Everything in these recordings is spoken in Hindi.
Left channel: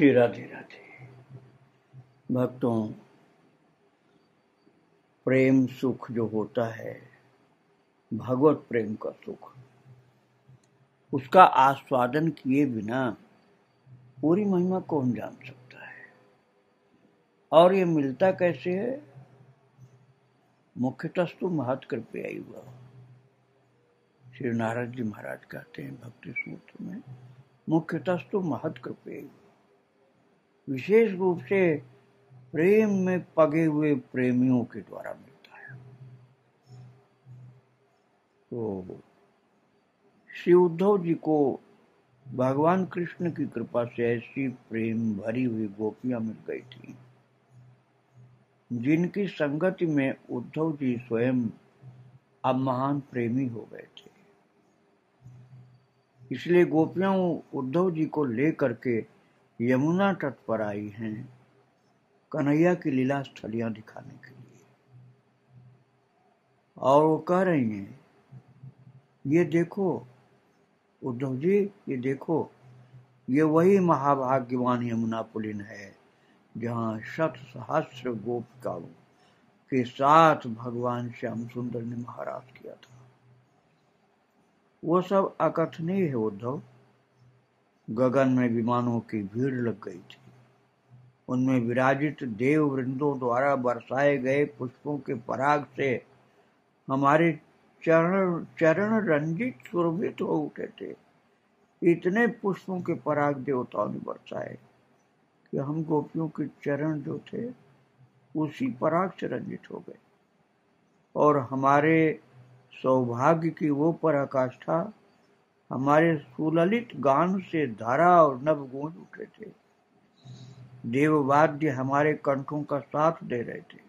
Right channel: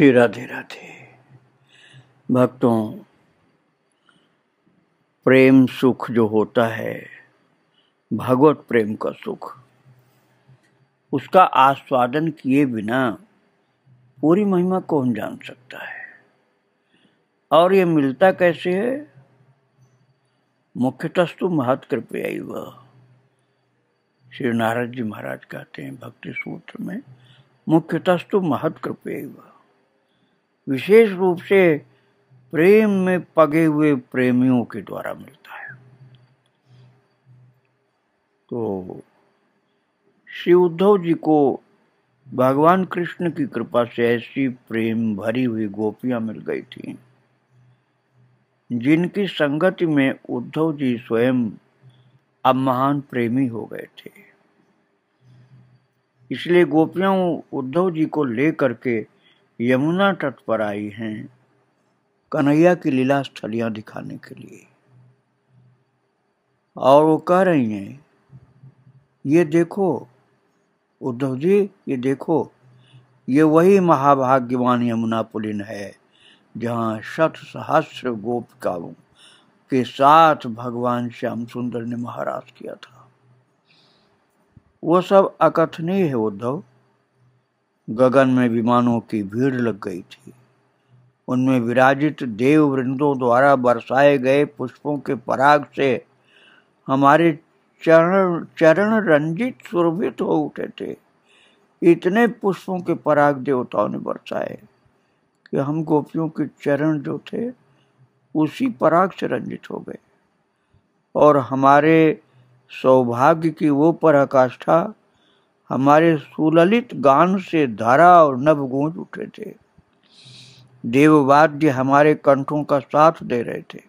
श्री राधे राधे। भक्तों, प्रेम सुख जो होता है, भगवत प्रेम का सुख, उसका आस्वादन किए बिना पूरी महिमा कौन जान सकता है। और ये मिलता कैसे है? मुख्यतस्तु महत्कृपयैव। श्री नारद जी महाराज कहते हैं भक्ति सूत्र में, मुख्यतस्तु महत्कृपयैव। विशेष रूप से प्रेम में पगे हुए प्रेमियों के द्वारा मिलता है। तो श्री उद्धव जी को भगवान कृष्ण की कृपा से ऐसी प्रेम भरी हुई गोपियां मिल गई थीं, जिनकी संगति में उद्धव जी स्वयं अब महान प्रेमी हो गए थे। इसलिए गोपियां उद्धव जी को लेकर के यमुना तट पर आई हैं, कन्हैया की लीला स्थलियां दिखाने के लिए। और वो कह रही हैं, ये देखो उद्धव जी, ये देखो, ये वही महाभाग्यवान यमुना पुलिन है जहाँ शत सहस्र गोपिकाओं के साथ भगवान श्याम सुंदर ने महाराज किया था। वो सब अकथनीय है उद्धव। गगन में विमानों की भीड़ लग गई थी। उनमें विराजित देव वृंदों द्वारा बरसाए गए पुष्पों के पराग से हमारे चरण रंजित सुरभित हो उठे थे। इतने पुष्पों के पराग देवताओं ने बरसाए कि हम गोपियों के चरण जो थे उसी पराग से रंजित हो गए। और हमारे सौभाग्य की वो पराकाष्ठा हमारे सुललित गान से धारा और नभ गूंज उठे थे। देववाद्य हमारे कंठों का साथ दे रहे थे।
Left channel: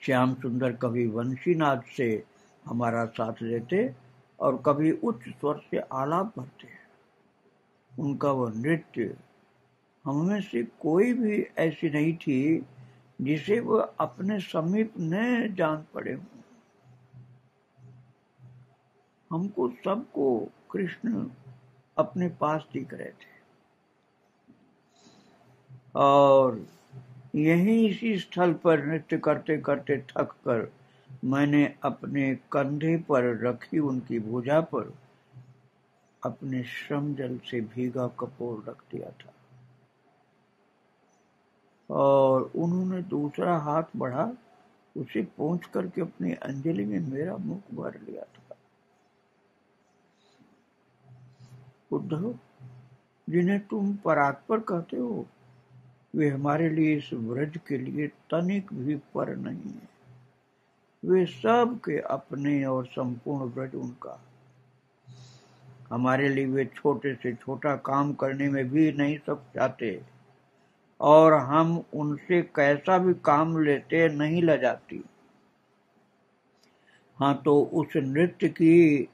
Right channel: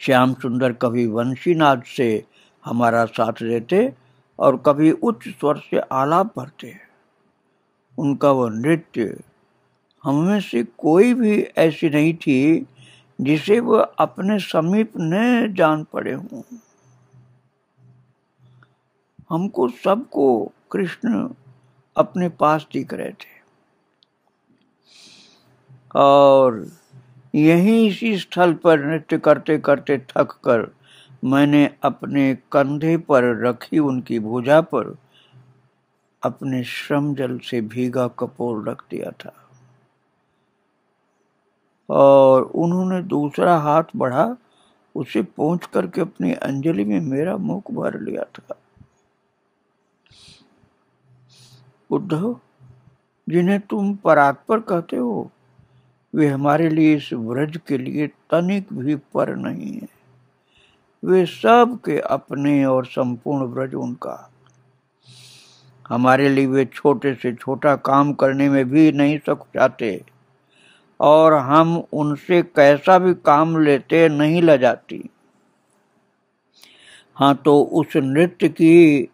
श्याम सुंदर कभी वंशीनाद से हमारा साथ देते और कभी उच्च स्वर से आलाप भरते। उनका वह नृत्य हमें से कोई भी ऐसी नहीं थी जिसे वह अपने समीप न जान पड़े हों। हमको सबको कृष्ण अपने पास दिख रहे थे। और यहीं इसी स्थल पर नृत्य करते करते थक कर मैंने अपने कंधे पर रखी उनकी भुजा पर अपने श्रम जल से भीगा कपोल रख दिया था। और उन्होंने दूसरा हाथ बढ़ा, उसे पहुंच करके अपनी अंजलि में मेरा मुख भर लिया था। उद्धव, जिन्हें तुम परात्पर कहते हो, वे हमारे लिए इस व्रज के लिए तनिक भी पर नहीं है। वे सब के अपने और संपूर्ण व्रज उनका। हमारे लिए वे छोटे से छोटा काम करने में भी नहीं सकुचाते और हम उनसे कैसा भी काम लेते नहीं लजाती। हाँ, तो उस नृत्य की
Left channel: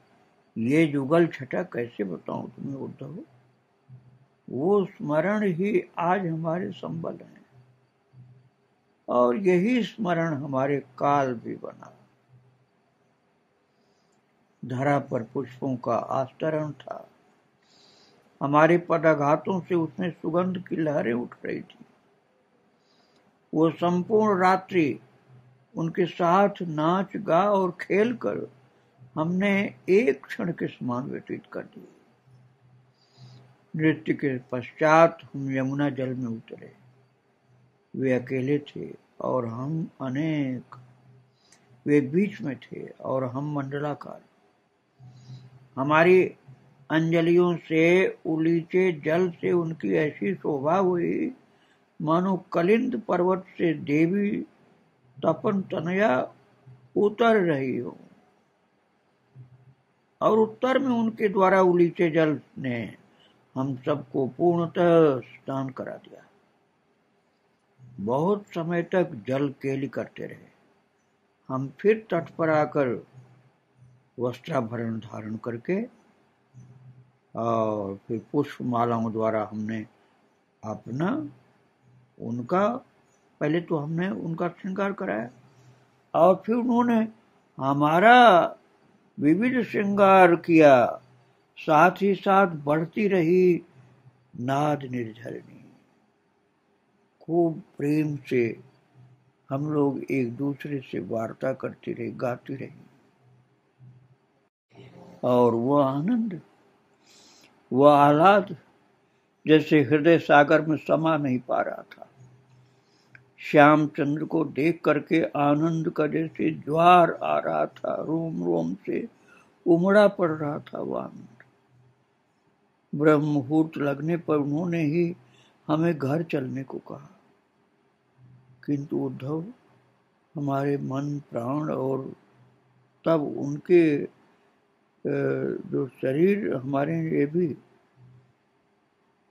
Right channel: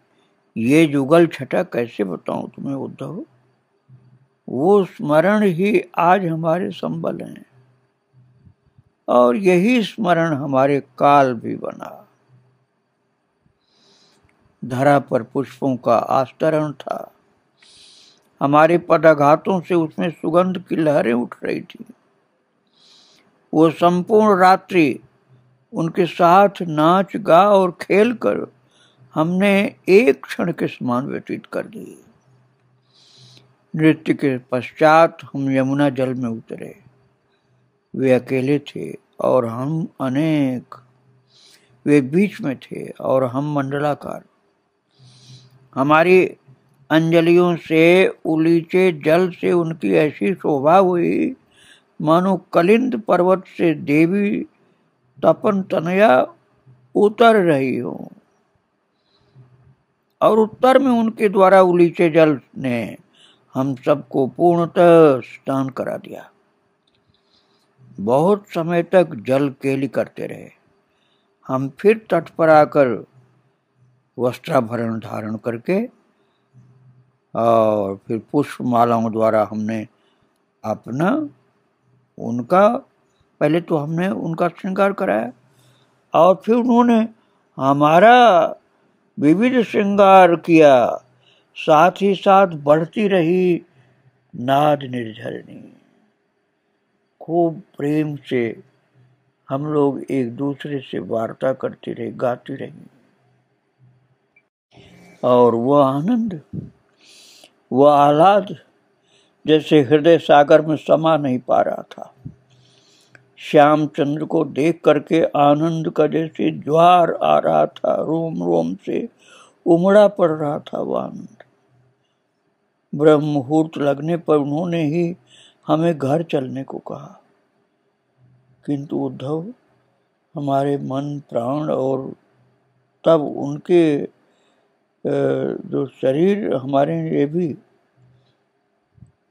ये जुगल छटा कैसे बताऊं तुम्हें उद्धव। वो स्मरण ही आज हमारे संबल हैं और यही स्मरण हमारे काल भी बना। धरा पर पुष्पों का आस्तरण था। हमारे पदाघातों से उसमें सुगंध की लहरें उठ रही थी। वो संपूर्ण रात्रि उनके साथ नाच गा और खेल कर हमने एक क्षण के समान व्यतीत कर दी। नृत्य के पश्चात हम यमुना जल में उतरे। वे अकेले थे और हम अनेक। वे बीच में थे और हम मंडलाकार। हमारी अंजलियों से उलीचे जल से उनकी ऐसी शोभा हुई मानो कलिंद पर्वत से देवी तपन तनया उतर रही हो। और उत्तर में उनके द्वारा उलीचे जल ने हम सबको पूर्णतः स्नान करा दिया। बहुत समय तक जल केली करते रहे। हम फिर तट पर आकर वस्त्राभरण धारण करके और फिर पुष्प मालाओं द्वारा हमने अपना उनका पहले तो हमने उनका श्रृंगार कराया और फिर उन्होंने हमारा विविध श्रृंगार किया। साथ ही साथ बढ़ती रही नाद निर्झरणी। खूब प्रेम से हम लोग एक दूसरे से वार्ता करते रहे, गाते रहे, और वह आनंद, वह आह्लाद जैसे हृदय सागर में समा नहीं पा रहा था। श्यामचंद्र को देख करके आनंद का जैसे ज्वार आ रहा था, रोम रोम से उमड़ा पड़ रहा था वह आनंद। ब्रह्म मुहूर्त लगने पर उन्होंने ही हमें घर चलने को कहा, किंतु उद्धव हमारे मन प्राण और तब उनके जो शरीर, हमारे ये भी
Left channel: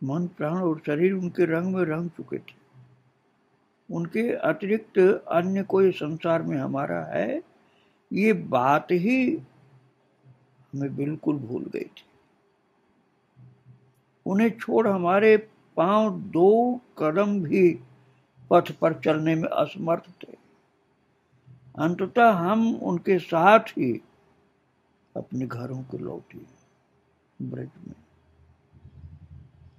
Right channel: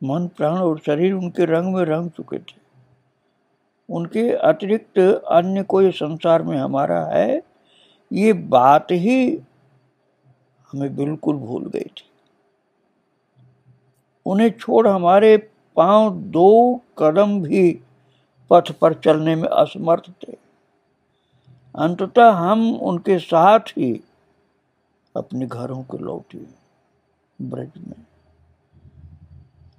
मन प्राण और शरीर उनके रंग में रंग चुके थे। उनके अतिरिक्त अन्य कोई संसार में हमारा है, ये बात ही हमें बिल्कुल भूल गई थी। उन्हें छोड़ हमारे पांव 2 कदम भी पथ पर चलने में असमर्थ थे। अंततः हम उनके साथ ही अपने घरों को लौटे ब्रज में,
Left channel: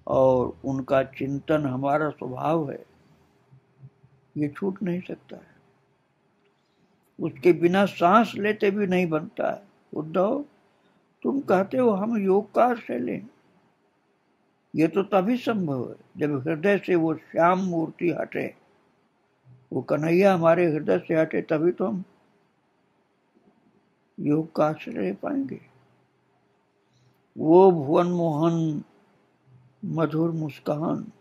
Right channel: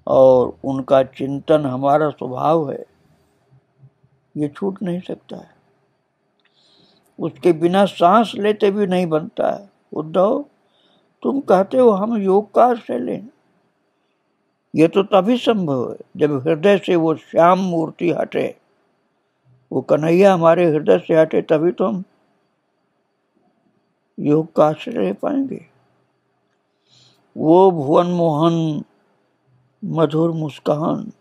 और उनका चिंतन हमारा स्वभाव है, ये छूट नहीं सकता है। उसके बिना सांस लेते भी नहीं बनता है। उद्धव, तुम कहते हो हम योग का आश्रय लें, ये तो तभी संभव है जब हृदय से वो श्याम मूर्ति हटे, वो कन्हैया हमारे हृदय से हटे, तभी तो हम योग का आश्रय ले पाएंगे। वो भुवन मोहन मधुर मुस्कान,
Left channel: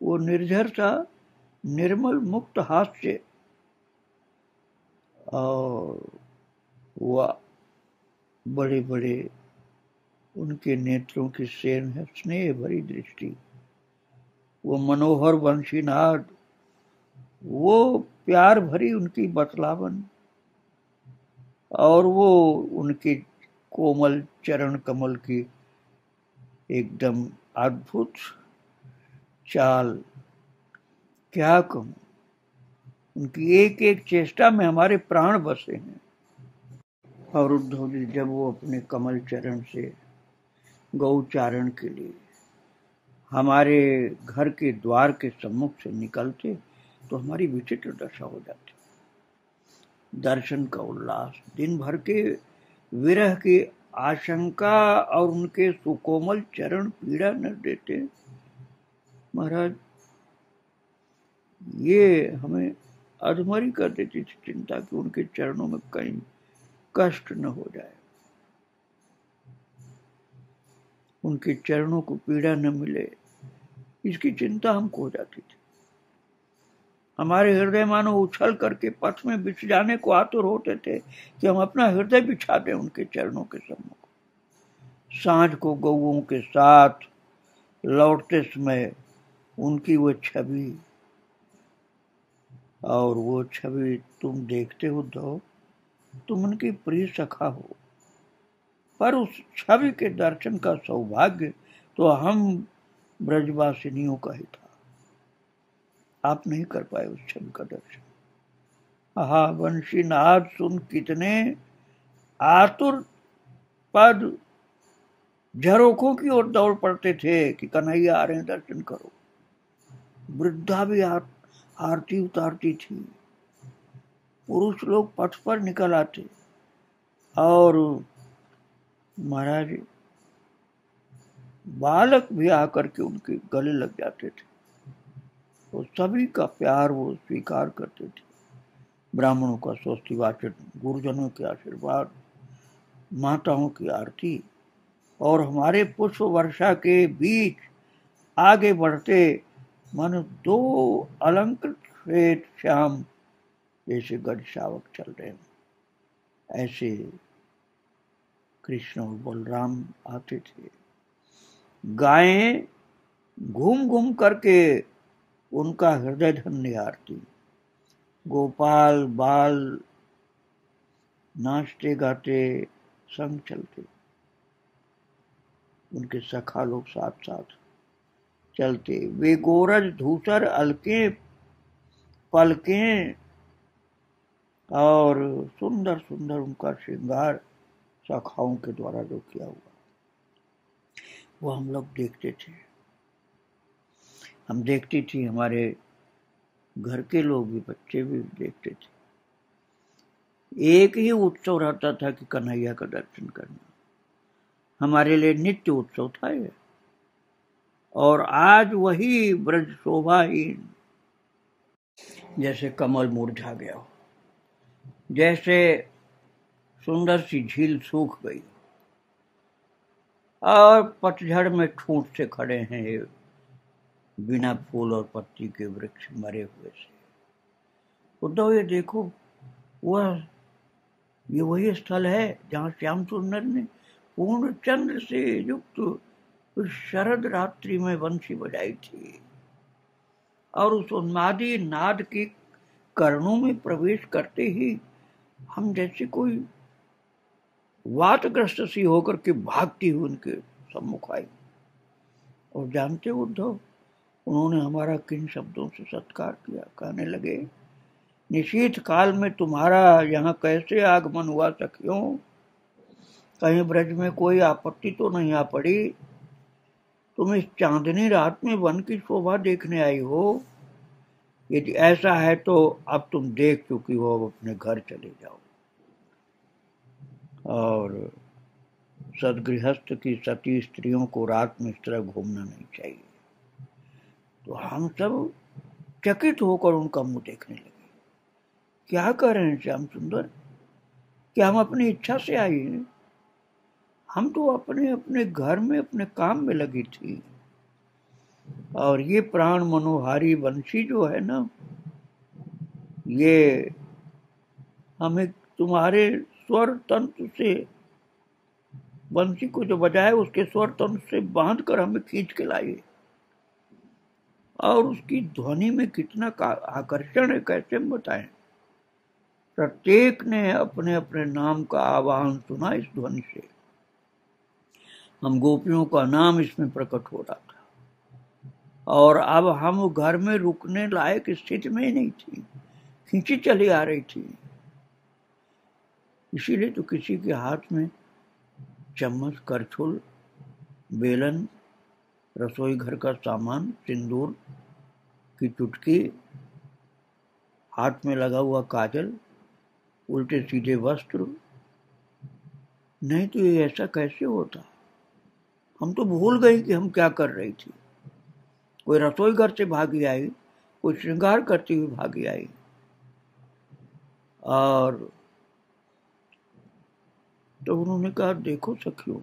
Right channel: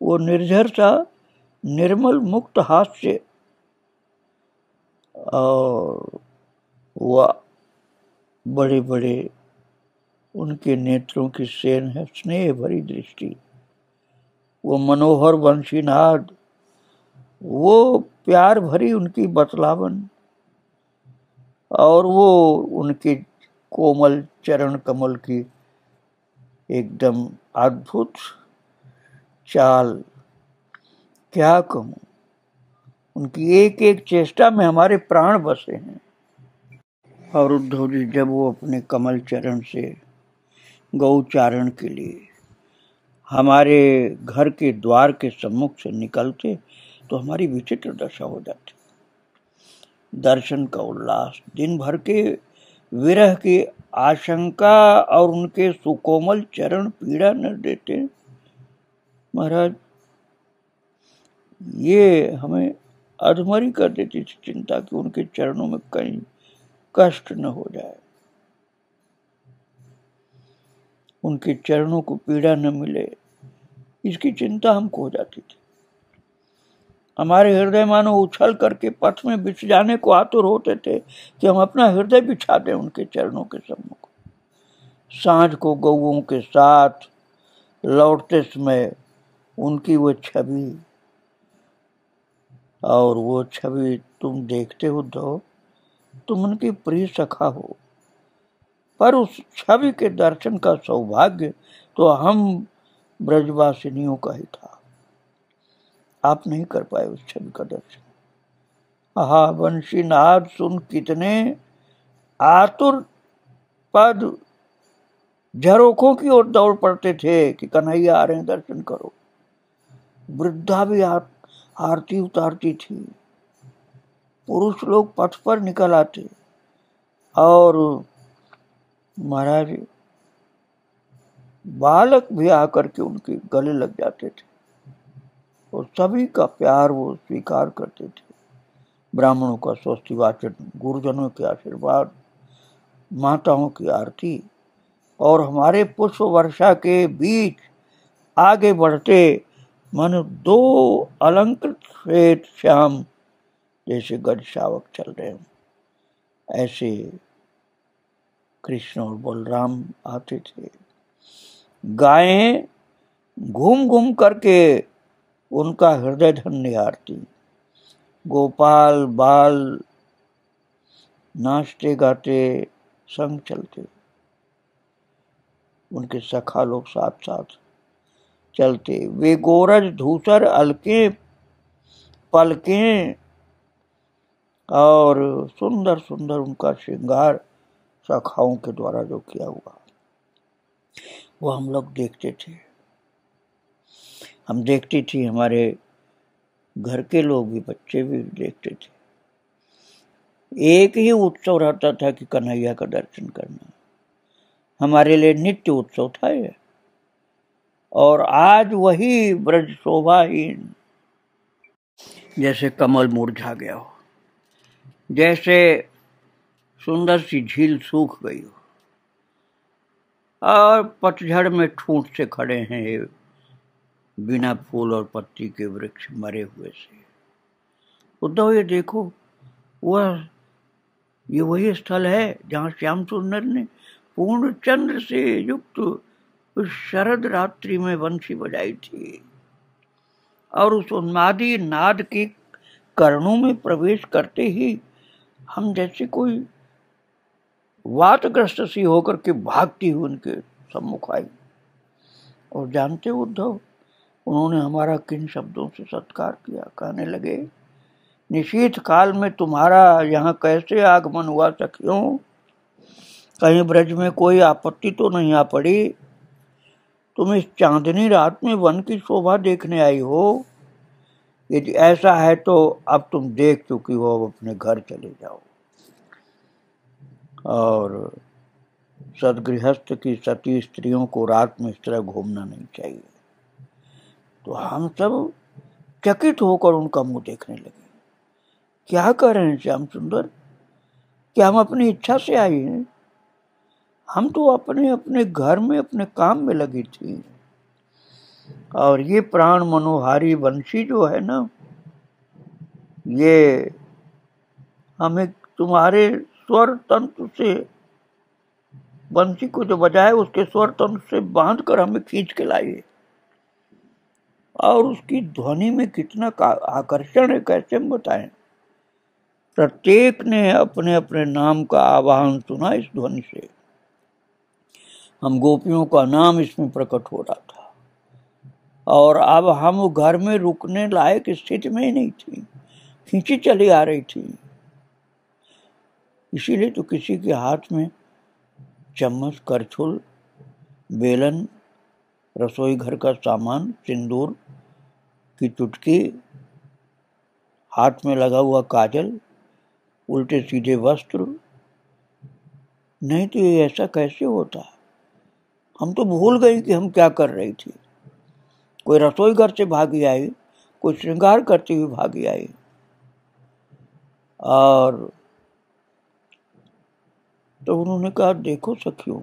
वो निर्झर सा निर्मल मुक्त हास्य, और वह बड़े बड़े उनके नेत्रों की सेन है, स्नेह भरी दृष्टि, वो मनोहर वंशीनाद, वो प्यार भरी उनकी बतलावन, और वो उनके कोमल चरण कमल की एकदम अद्भुत चाल, क्या कहूं। उनकी एक एक चेष्टा में हमारे प्राण बसे हैं। और उद्धव जी जब वो अपने कमल चरण से गौचारण के लिए हमारे घर के द्वार के सम्मुख से निकलते तो हमारी विचित्र दशा हो जाती। दर्शन का उल्लास, दिन भर के विरह की आशंका और उनके सुकोमल चरण पीड़ा न देते। महाराज, ये हमें अधमरी कर देती थी चिंता कि उनके चरणों में कहीं कष्ट न हो जाए, उनके चरणों को पीड़ा न मिले, इसकी चिंता हमको हो जाती थी। हमारे हृदय मानो उछल करके पथ में बिछ जाने को आतुर होते थे कि हम अपना हृदय बिछा दें उनके चरणों के सम्मुख। सांझ को गौओं के साथ लौटते समय उनकी वो छवि, और वो छवि तुम देखते हो उद्धव, तुम उनकी प्रिय सखा हो, पर उस छवि के दर्शन का सौभाग्य तो हम ब्रजवासिनियों का ही था। आप नहीं कर पाए उस छवि का दर्शन। आहा, वंशी नाद सुन कितने आतुर पद झरोखों की ओर दौड़ पड़ते थे कि कन्हैया आ रहे हैं, दर्शन करो। वृद्धा भी आरती उतारती थी, पुरुष लोग पथ पर निकल आते, और महाराज बालक भी आकर के उनके गले लग जाते थे, और सभी का प्यार वो स्वीकार करते थे। ब्राह्मणों का स्वस्ति वाचन, गुरुजनों के आशीर्वाद, माताओं की आरती, और हमारे पुष्प वर्षा के बीच आगे बढ़ते मन 2 अलंकृत श्वेत श्याम जैसे गज शावक चल रहे हैं, ऐसे कृष्ण और बलराम आते थे। गायें घूम घूम करके उनका हृदय धन निहारती, गोपाल बाल नाचते गाते संग चलते, उनके सखा लोग साथ साथ चलते। वे गोरज धूसर अलके पलकें, और सुंदर सुंदर उनका श्रृंगार सखाओं के द्वारा जो किया हुआ वो हम लोग देखते थे। हम देखती थी, हमारे घर के लोग भी, बच्चे भी देखते थे। एक ही उत्सव रहता था कि कन्हैया का दर्शन करना, हमारे लिए नित्य उत्सव था ये। और आज वही ब्रज शोभाहीन, जैसे कमल मुरझा गया हो, जैसे सुंदर सी झील सूख गई हो और पतझड़ में ठूंठ से खड़े हैं ये बिना फूल और पत्ती के वृक्ष मरे हुए से। उद्धव ये देखो, ये वही स्थल है जहाँ श्याम सुंदर ने पूर्ण चंद्र से युक्त उस शरद रात्रि में बंसी बजाई थी, और उस उन्मादी नाद के कर्णों में प्रवेश करते ही हम जैसे कोई वातग्रस्त सी होकर के भागती हुई उनके सम्मुख आई। और जानते उद्धव, उन्होंने हमारा किन शब्दों से सत्कार किया। कहने लगे, निशीथ काल में तुम्हारा यहाँ कैसे आगमन हुआ सखियों? कहीं ब्रज में कोई आपत्ति तो नहीं आ पड़ी? तुम इस चांदनी रात में वन की शोभा देखने आई हो? यदि ऐसा है तो अब तुम देख चुकी हो, अब अपने घर चले जाओ। और सदगृहस्थ की सती स्त्रियों को रात में इस तरह घूमना नहीं चाहिए। तो हम सब चकित होकर उनका मुंह देखने लगे। क्या कर रहे हैं श्याम सुंदर? क्या हम अपनी इच्छा से आए हैं? हम तो अपने अपने घर में अपने काम में लगी थी। और ये प्राण मनोहारी बंसी जो है ना, ये हमें तुम्हारे स्वर तंत्र से, बंसी को जो बजाए उसके स्वर तंत्र से बांध कर हमें खींच के लाई। और उसकी ध्वनि में कितना आकर्षण है, कैसे हम बताएं। प्रत्येक ने अपने अपने नाम का आवाहन सुना इस ध्वनि से। हम गोपियों का नाम इसमें प्रकट हो रहा था। और अब हम घर में रुकने लायक स्थिति में ही नहीं थी, खींची चली आ रही थी। इसीलिए तो किसी के हाथ में चम्मच, करछुल, बेलन, रसोई घर का सामान, सिंदूर की चुटकी, हाथ में लगा हुआ काजल, उल्टे सीधे वस्त्र, नहीं तो ये ऐसा कैसे होता? हम तो भूल गए कि हम क्या कर रही थी। कोई रसोई घर से भागी आई, कोई श्रृंगार करती हुई भागी आई। और तो उन्होंने कहा, देखो सखियों,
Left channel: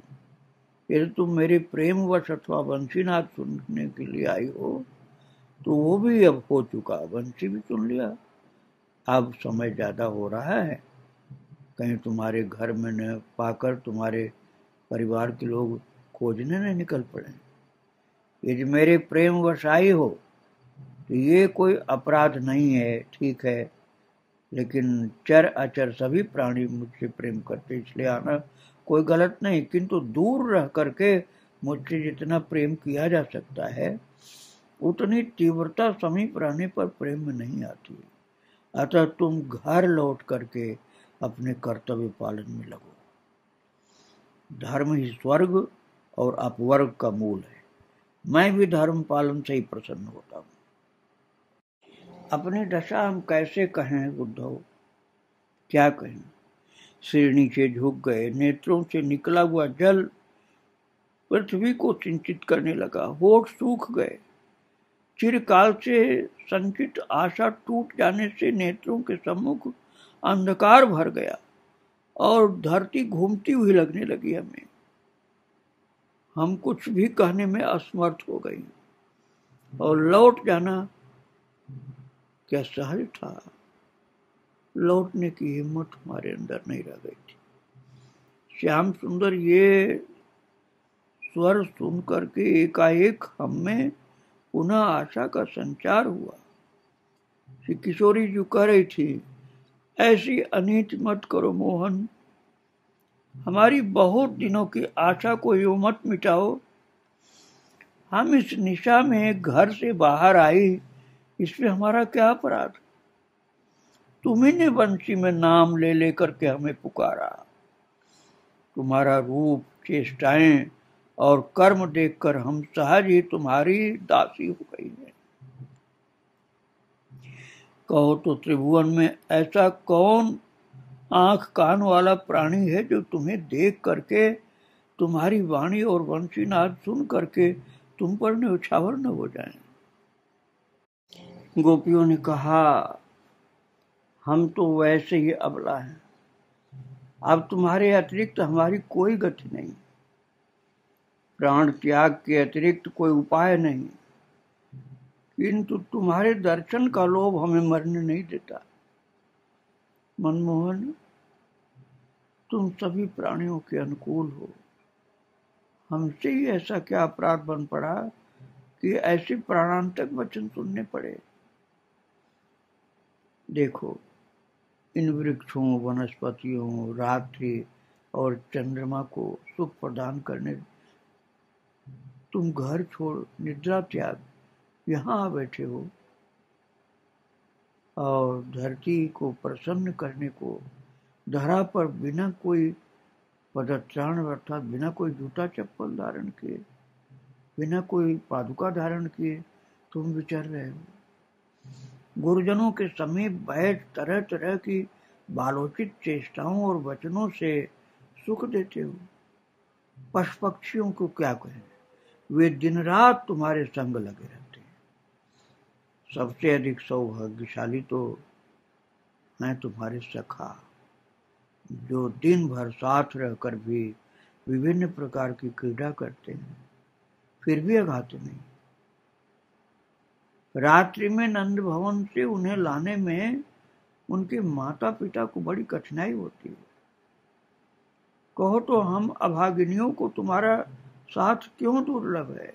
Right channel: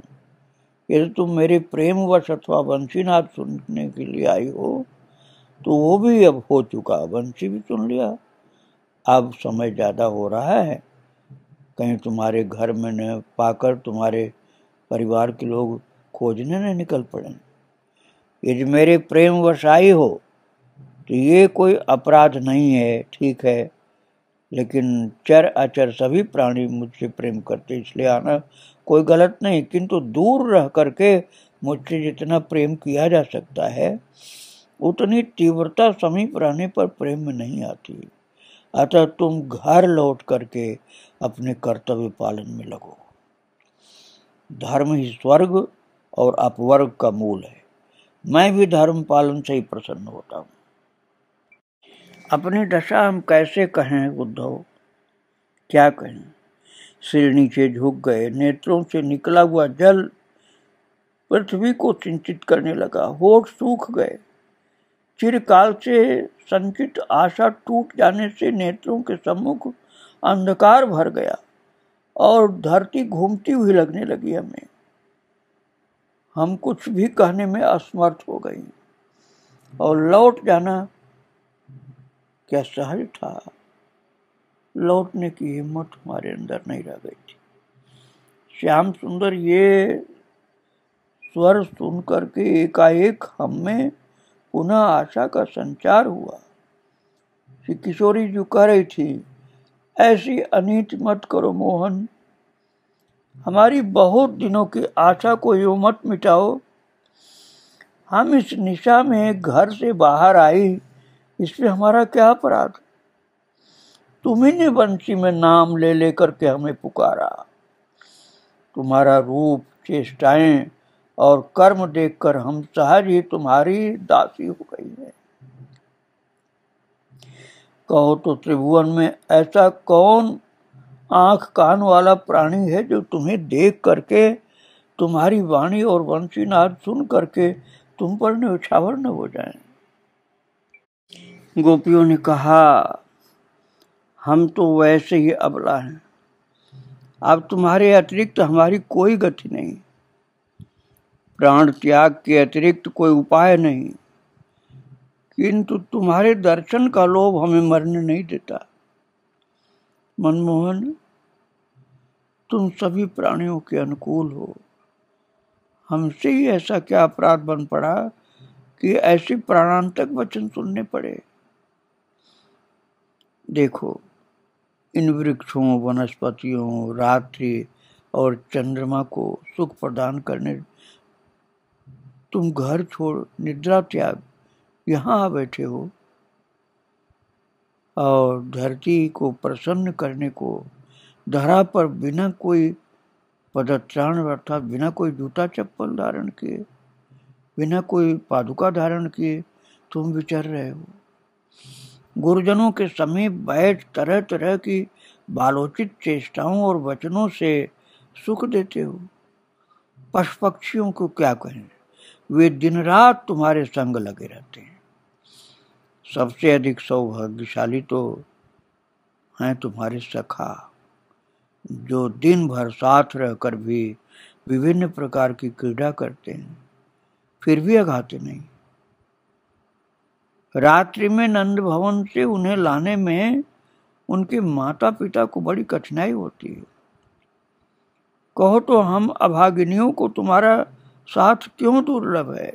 यदि तुम मेरे प्रेम वश अथवा बंसीनाद सुनने के लिए आई हो तो वो भी अब हो चुका, बंसी भी सुन लिया। अब समय ज्यादा हो रहा है, कहीं तुम्हारे घर में न पाकर तुम्हारे परिवार के लोग खोजने न निकल पड़े। यदि मेरे प्रेम वश आई हो तो ये कोई अपराध नहीं है, ठीक है, लेकिन चर अचर सभी प्राणी मुझसे प्रेम करते, इसलिए आना कोई गलत नहीं। किंतु दूर रह करके मुझसे जितना प्रेम किया जा सकता है उतनी तीव्रता समीप रहने पर प्रेम में नहीं आती। अतः तुम घर लौट करके अपने कर्तव्य पालन में लगो। धर्म ही स्वर्ग और अपवर्ग का मूल है। मैं भी धर्म पालन से ही प्रसन्न होता हूँ। अपनी दशा हम कैसे कहें उद्धव, क्या कहें। सिर नीचे झुक गए, नेत्रों से निकला हुआ जल पृथ्वी को सिंचित करने लगा, होठ सूख गए। चिरकाल से संचित आशा टूट जाने से नेत्रों के सम्मुख अंधकार भर गया और धरती घूमती हुई लगने लगी हमें। हम कुछ भी कहने में असमर्थ हो गई और लौट जाना क्या सहज था। लौटने की हिम्मत हमारे अंदर नहीं रह गई थी। श्याम सुंदर ये स्वर सुन करके एकाएक हम में पुनः आशा का संचार हुआ। श्री किशोरी जी कह रही थी, ऐसी अनीति मत करो मोहन, हमारी बहुत दिनों की आशा को यूं मत मिटाओ। हम इस निशा में घर से बाहर आई, इसमें हमारा क्या अपराध? तुम्ही ने बंसी में नाम ले लेकर के हमें पुकारा। तुम्हारा रूप, चेष्टाएं और कर्म देखकर हम सहज ही तुम्हारी दासी हो गई है। कहो तो त्रिभुवन में ऐसा कौन आंख कान वाला प्राणी है जो तुम्हें देख करके, तुम्हारी वाणी और वंशीनाद सुन करके तुम पर न्यौछावर न हो जाए। गोपियों ने कहा, हम तो वैसे ही अबला हैं, अब तुम्हारे अतिरिक्त हमारी कोई गति नहीं, प्राण त्याग के अतिरिक्त कोई उपाय नहीं, किंतु तुम्हारे दर्शन का लोभ हमें मरने नहीं देता। मनमोहन, तुम सभी प्राणियों के अनुकूल हो, हमसे ही ऐसा क्या अपराध बन पड़ा कि ऐसे प्राणांतक वचन सुनने पड़े। देखो, इन वृक्षों, वनस्पतियों, रात्रि और चंद्रमा को सुख प्रदान करने तुम घर छोड़, निद्रा त्याग यहाँ आ बैठे हो, और धरती को प्रसन्न करने को धरा पर बिना कोई पदत्राण अर्थात बिना कोई जूता चप्पल धारण किए, बिना कोई पादुका धारण किए तुम विचर रहे हो। गुरुजनों के समीप बैठ तरह तरह की बालोचित चेष्टाओं और वचनों से सुख देते हो। पशु पक्षियों को क्या कहें, वे दिन रात तुम्हारे संग लगे रहते हैं। सबसे अधिक सौभाग्यशाली तो हैं तुम्हारे सखा, जो दिन भर साथ रहकर भी विभिन्न प्रकार की क्रीड़ा करते हैं, फिर भी अघाते नहीं। रात्रि में नंद भवन से उन्हें लाने में उनके माता पिता को बड़ी कठिनाई होती है। कहो तो हम अभागिनियों को तुम्हारा साथ क्यों दुर्लभ है।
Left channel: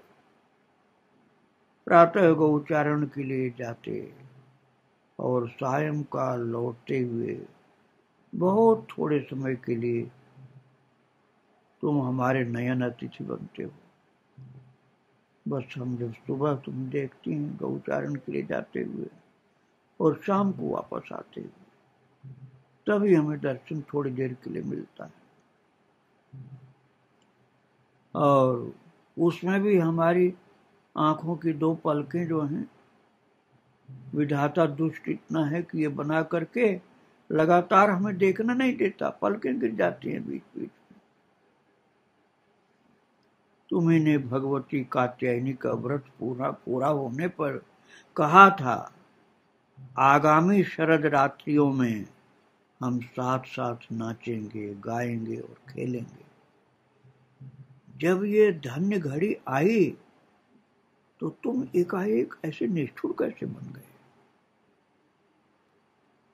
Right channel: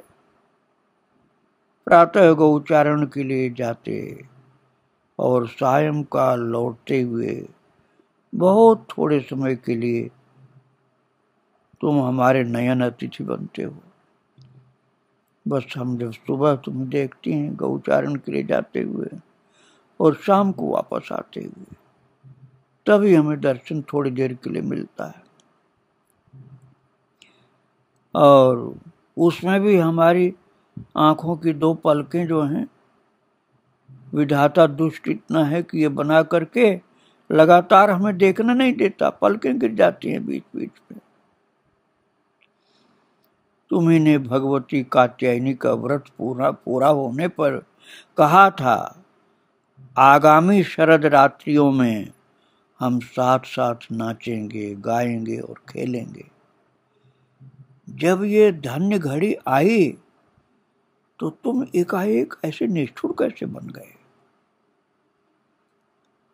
प्रातः गौचारण के लिए जाते और सायंकाल लौटते हुए बहुत थोड़े समय के लिए तुम हमारे नयन अतिथि बनते हो। बस हम जब सुबह तुम्हें देखते हैं गौचारण के लिए जाते हुए और शाम को वापस आते हुए, तभी हमें दर्शन थोड़ी देर के लिए मिलता है, और उसमें भी हमारी आंखों की दो पलकें जो हैं, विधाता दुष्ट इतना है कि ये बना करके लगातार हमें देखना नहीं देता, पलकें गिर जाती हैं बीच बीच में। तुम्ही ने भगवती कात्यायनी का व्रत पूरा होने पर कहा था, आगामी शरद रात्रियों में हम साथ साथ नाचेंगे, गाएंगे और खेलेंगे। जब ये धन्य घड़ी आई तो तुम एकाएक ऐसे निष्ठुर कैसे बन गए।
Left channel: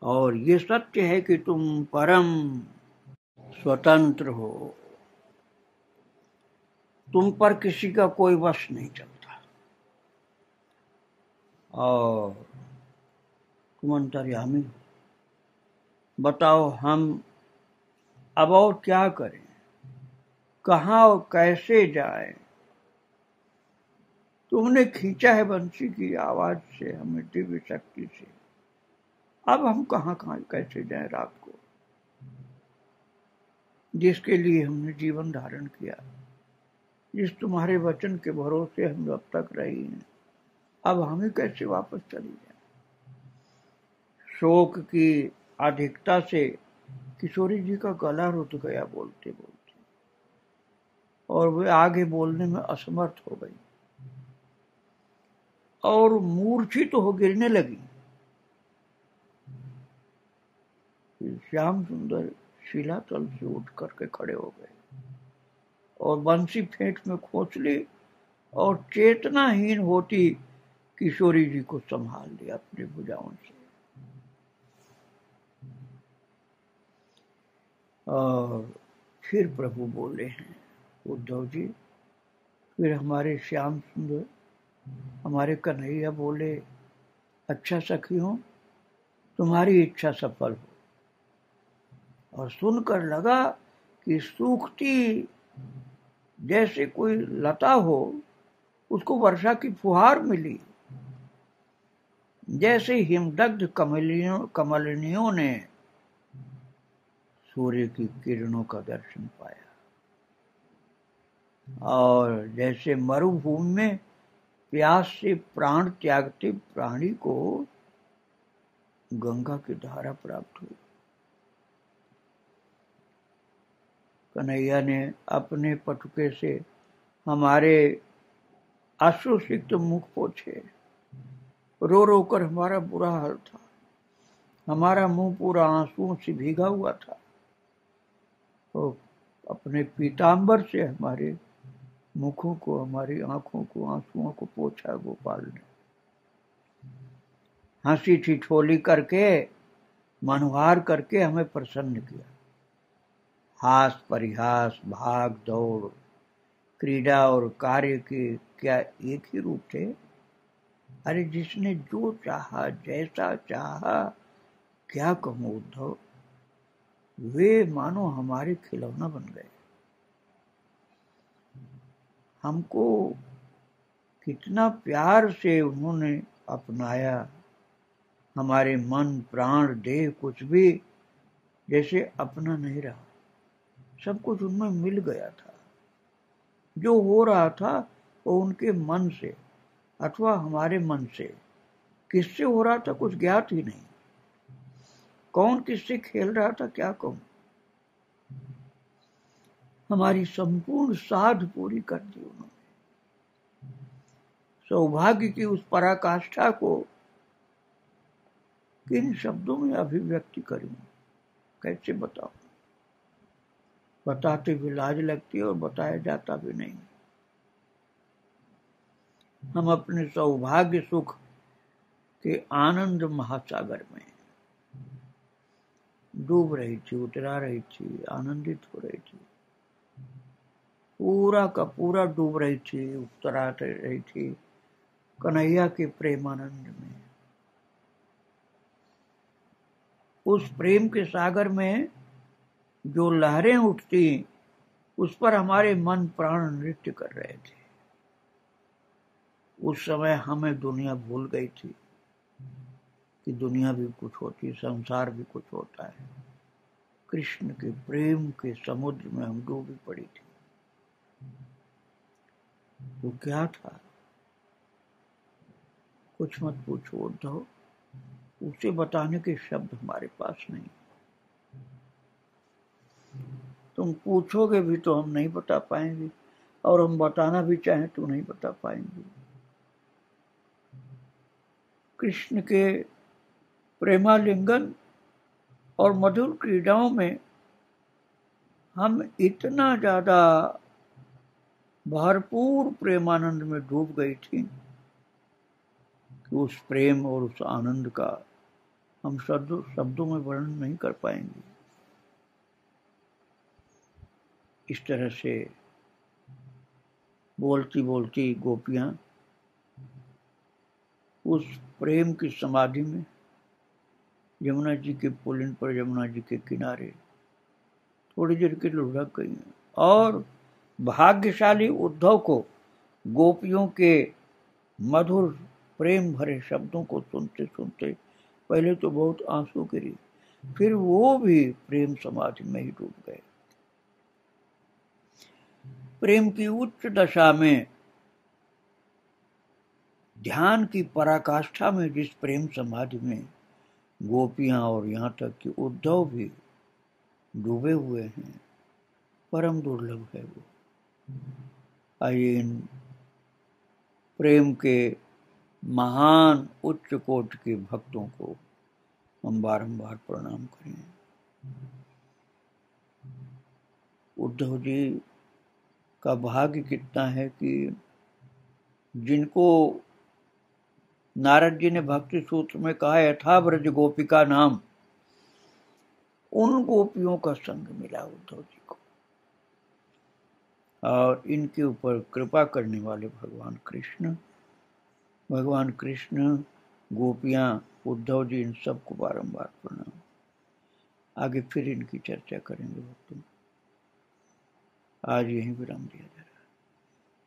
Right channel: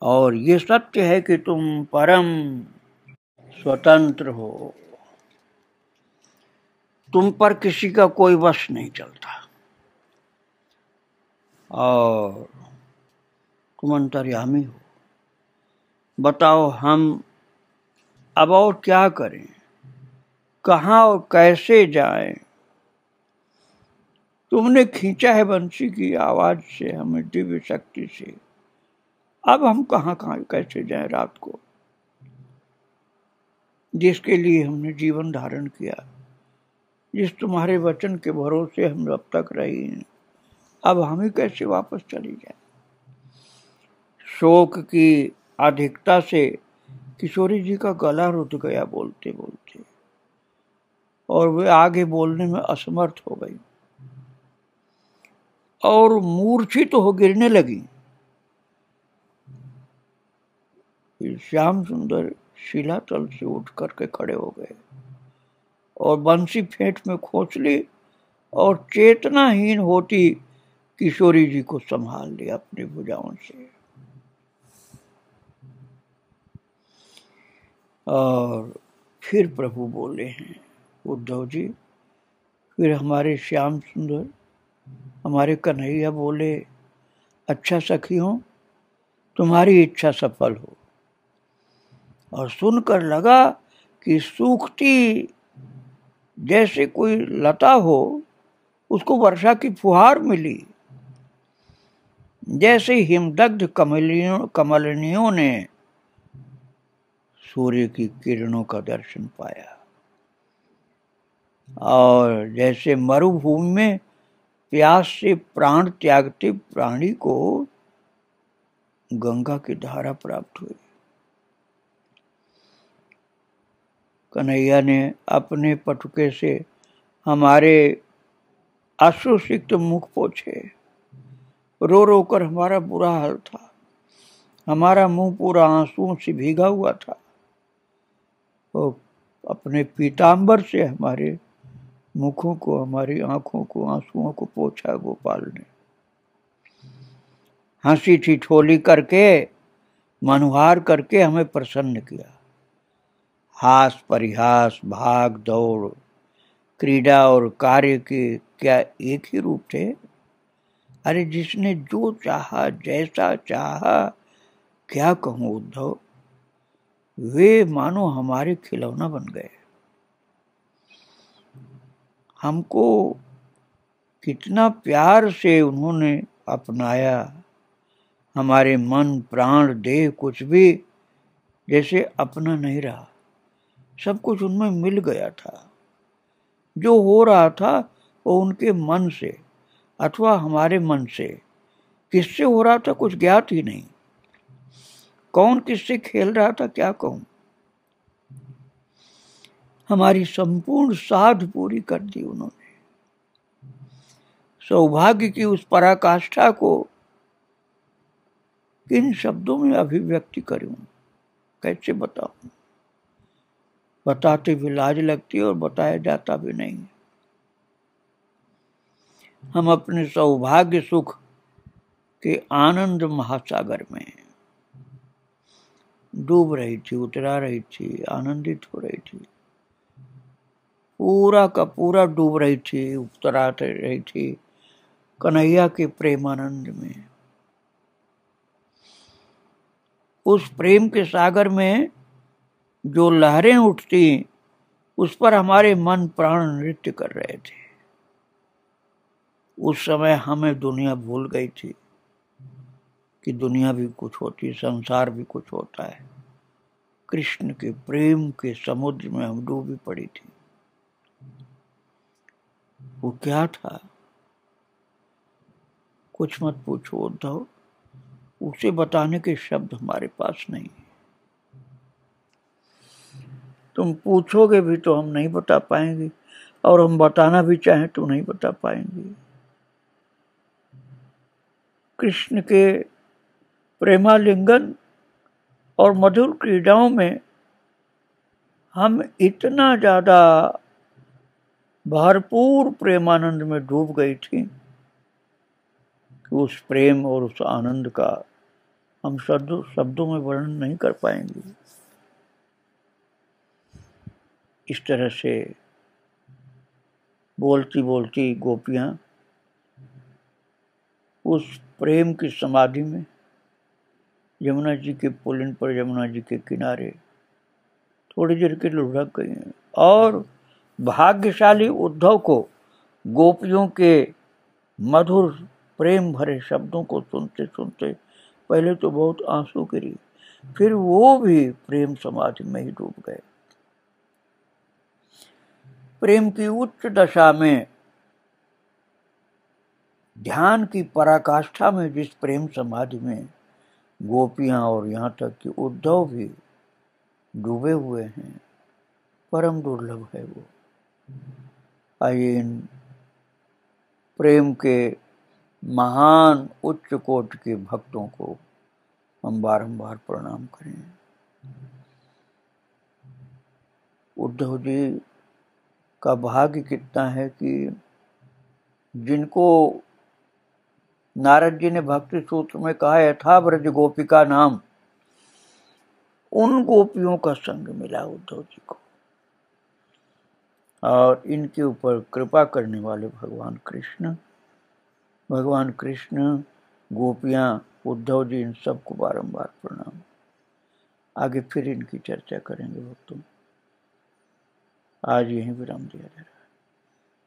और ये सत्य है कि तुम परम स्वतंत्र हो, तुम पर किसी का कोई वश नहीं चलता, और तुम अंतर्यामी हो। बताओ हम अब और क्या करें, कहाँ और कैसे जाएं। तुमने खींचा है बंसी की आवाज से हमें दिव्य शक्ति से, अब हम कहाँ कैसे जाएं रात को, जिसके लिए हमने जीवन धारण किया, जिस तुम्हारे वचन के भरोसे हम अब तक रहे हैं, अब हम ही कैसे वापस चली जाए। शोक की अधिकता से किशोरी जी का गला रुक गया बोलते बोलते, और वे आगे बोलने में असमर्थ हो गई और मूर्छित तो हो गिरने लगी। श्याम सुंदर शिलातल से उठ करके खड़े हो गए और बंसी फेंट में खोस ली और चेतनाहीन होती किशोरी जी को संभाल लिया अपनी भुजाओं से। और फिर प्रभु बोले हैं, उद्धव जी, फिर हमारे श्याम सुंदर, हमारे कन्हैया बोले, अच्छा सखी हो, तुम्हारी इच्छा सफल हो। और सुनकर लगा कि सूखती जैसे कोई लता हो, उसको वर्षा की फुहार मिली, जैसे हिमदग्ध कमलिनियों ने सूर्य की किरणों का दर्शन पाया, और जैसे मरुभूमि में प्यास से प्राण त्यागते प्राणी को गंगा की धारा प्राप्त हुई। कन्हैया ने अपने पटुके से हमारे आंसुसिक्त मुख पोंछे। रो रो कर हमारा बुरा हाल था। हमारा मुंह पूरा आंसुओं से भीगा हुआ था। वो अपने पीतांबर से हमारे मुखों को, हमारी आंखों को, आंसुओं को पोंछा गोपाल ने। हंसी ठिठोली करके, मनुहार करके हमें प्रसन्न किया। हास परिहास, भाग दौड़, क्रीड़ा और कार्य के क्या एक ही रूप थे? अरे जिसने जो चाहा, जैसा चाहा, क्या कहूं उद्धव, वे मानो हमारे खिलौना बन गए। हमको कितना प्यार से उन्होंने अपनाया। हमारे मन, प्राण, देह कुछ भी जैसे अपना नहीं रहा। सब कुछ उनमें मिल गया था। जो हो रहा था वो उनके मन से अथवा हमारे मन से। किससे हो रहा था कुछ ज्ञात ही नहीं। कौन किससे खेल रहा था क्या कहूं। हमारी संपूर्ण साध पूरी कर दी उन्होंने। सौभाग्य की उस पराकाष्ठा को किन शब्दों में अभिव्यक्ति करूं, कैसे बताऊं। बताते भी लाज लगती है और बताया जाता भी नहीं। हम अपने सौभाग्य सुख के आनंद महासागर में डूब रही थी, उतरा रही थी, आनंदित हो रही थी। पूरा का पूरा डूब रही थी, उतरा रही थी कन्हैया के प्रेमानंद में। उस प्रेम के सागर में जो लहरें उठती, उस पर हमारे मन प्राण नृत्य कर रहे थे। उस समय हमें दुनिया भूल गई थी कि दुनिया भी कुछ होती, संसार भी कुछ होता है। कृष्ण के प्रेम के समुद्र में हम डूबी पड़ी थी। वो क्या था कुछ मत पूछो उद्धव, उसे बताने के शब्द हमारे पास नहीं। तुम पूछोगे भी तो हम नहीं बता पाएंगे, और हम बताना भी चाहें तो नहीं बता पाएंगे। कृष्ण के प्रेमालिंगन और मधुर क्रीड़ाओं में हम इतना ज्यादा भरपूर प्रेमानंद में डूब गई थी कि उस प्रेम और उस आनंद का हम शब्दों में वर्णन नहीं कर पाएंगे। इस तरह से बोलती बोलती गोपियां उस प्रेम की समाधि में यमुना जी के पुलिन पर, यमुना जी के किनारे थोड़ी देर के लिए लुढ़क गई हैं। और भाग्यशाली उद्धव को गोपियों के मधुर प्रेम भरे शब्दों को सुनते सुनते पहले तो बहुत आंसू गिरी, फिर वो भी प्रेम समाधि में ही डूब गए। प्रेम की उच्च दशा में, ध्यान की पराकाष्ठा में जिस प्रेम समाधि में गोपियां और यहाँ तक कि उद्धव भी डूबे हुए हैं, परम दुर्लभ है वो। आइए इन प्रेम के महान उच्च कोट के भक्तों को हम बारंबार प्रणाम करें। उद्धव जी का भाग्य कितना है कि जिनको नारद जी ने भक्ति सूत्र में कहा यथा ब्रज गोपिका नाम, उन गोपियों का संग मिला उद्धव जी को। और इनके ऊपर कृपा करने वाले भगवान कृष्ण, गोपियां, उद्धव जी, इन सबको बारंबार प्रणाम। आगे फिर इनकी चर्चा करेंगे भक्तों। आज यहीं विराम दिया जा रहा है।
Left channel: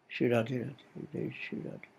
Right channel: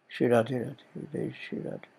श्री राधे राधे, जय श्री राधे।